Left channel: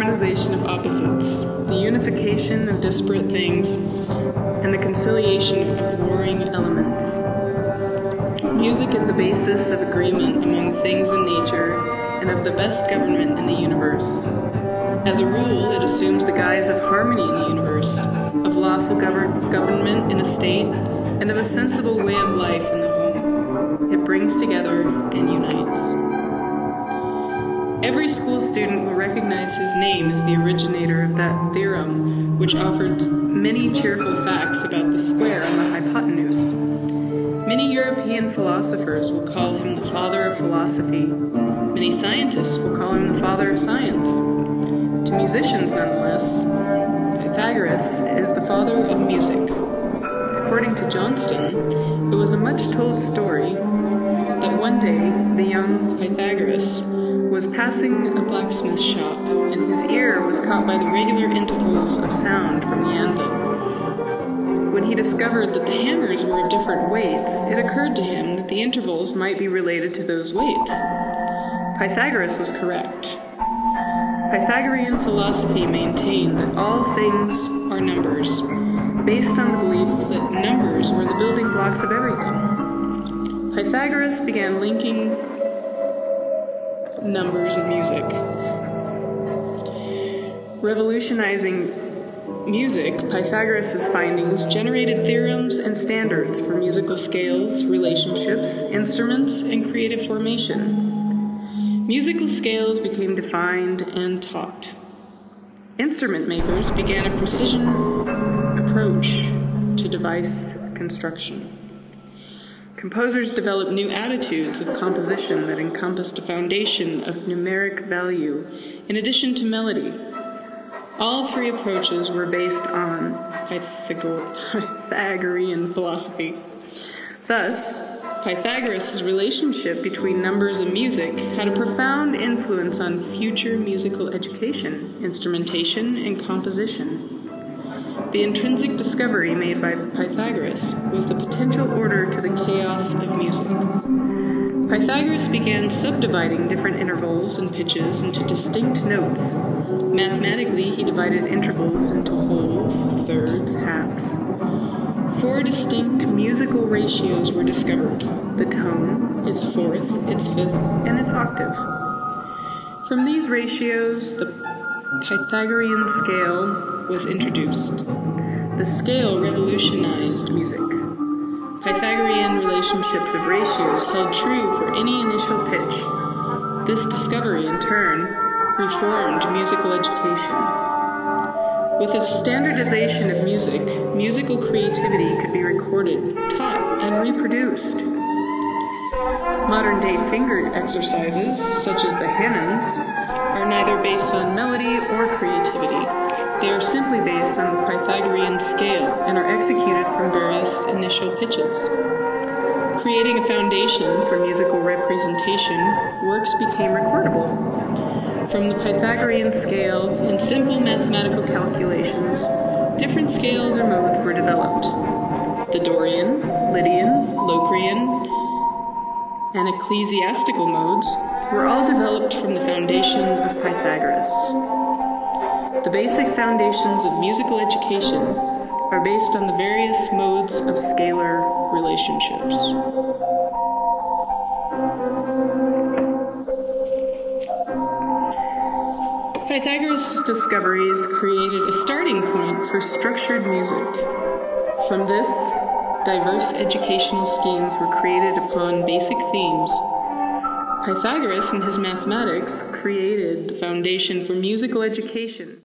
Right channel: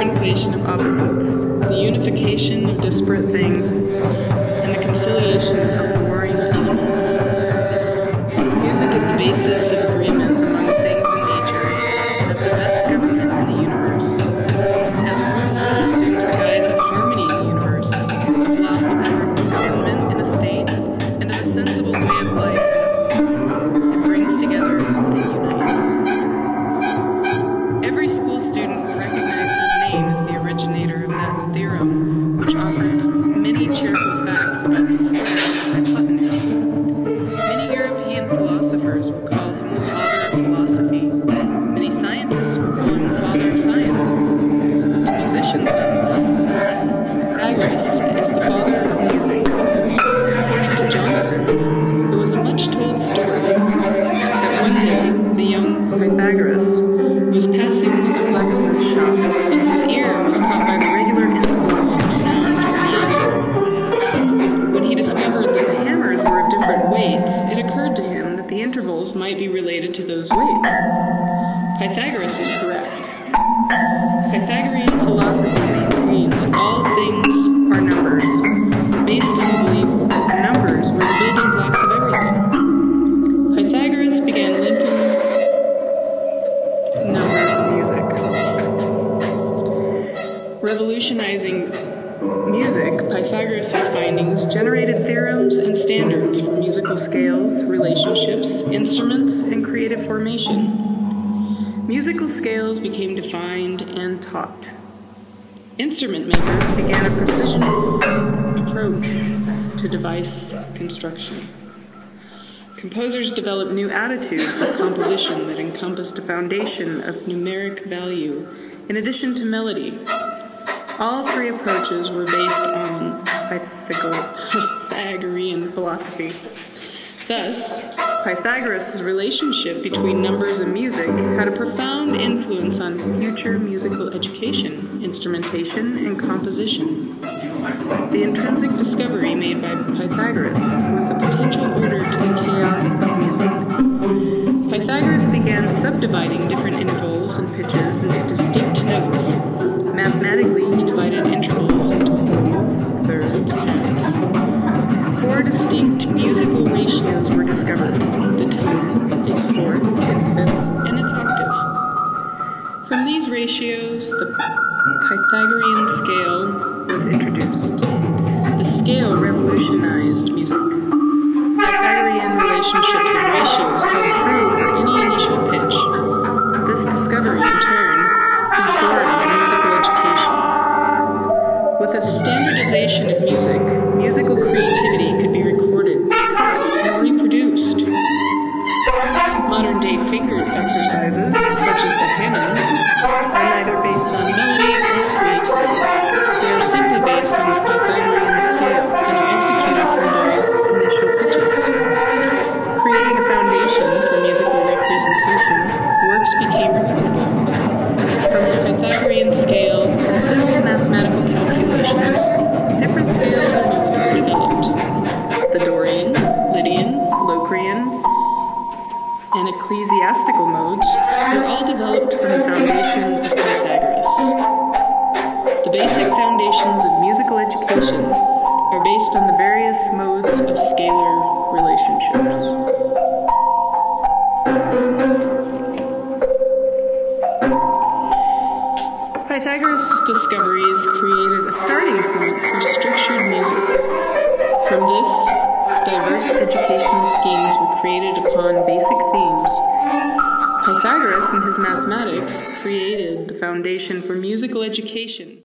harmonization of opposites, the unification of disparate things, and the conciliation of warring elements. Music is the basis of agreement among things in nature and of the best government in the universe. As a rule, it assumes the guise of harmony in the universe, of lawful government in a state, and of a sensible way of life in the whole. It brings together and unites. Every school student will recognize his name as the originator of that theorem, which offered many cheerful facts about the square and the hypotenuse. Many European philosophers will call him the father of philosophy. Many scientists will call him the father of science. To musicians, nonetheless, Pythagoras is the father of music. According to Johnston, it was a much-told story that one day the young Pythagoras was passing a blacksmith's shop, and his ear was caught by the regular intervals of sound on the anvil. When he discovered that the hammers were of different weights, it occurred to him that the intervals might be related to those weights. Pythagoras was correct. Pythagorean philosophy maintained that all things are numbers, based on the belief that numbers were the building blocks of everything. Pythagoras began linking numbers and music. Revolutionizing music, Pythagoras' findings generated theorems and standards for musical scales, relationships, instruments, and creative formation. Musical scales became defined and taught. Instrument makers began a precision approach to device construction. Composers developed new attitudes of composition that encompassed a foundation of numeric value in addition to melody. All three approaches were based on Pythagorean philosophy. Thus, Pythagoras' relationship between numbers and music had a profound influence on future musical education, instrumentation, and composition. The intrinsic discovery made by Pythagoras was the potential order to the chaos of music. Pythagoras began subdividing different intervals and pitches into distinct notes. Mathematically, he divided intervals into wholes, thirds, halves. 4 distinct musical ratios were discovered: the tone, its fourth, its fifth, and its octave. From these ratios, the Pythagorean scale was introduced. The scale revolutionized music. Pythagorean relationships of ratios held true for any initial pitch. This discovery, in turn, reformed musical education. With a standardization of music, musical creativity could be recorded, taught, and reproduced. Modern-day finger exercises, such as the hymns, are neither based on melody or creativity. They are simply based on the Pythagorean scale and are executed from various initial pitches. Creating a foundation for musical representation, works became recordable. From the Pythagorean scale and simple mathematical calculations, different scales or modes were developed. The Dorian, Lydian, Locrian, and ecclesiastical modes were all developed from the foundation of Pythagoras. The basic foundations of musical education are based on the various modes of scalar relationships. Pythagoras' discoveries created a starting point for structured music. From this, diverse educational schemes were created upon basic themes. Pythagoras and his mathematics created the foundation for musical education.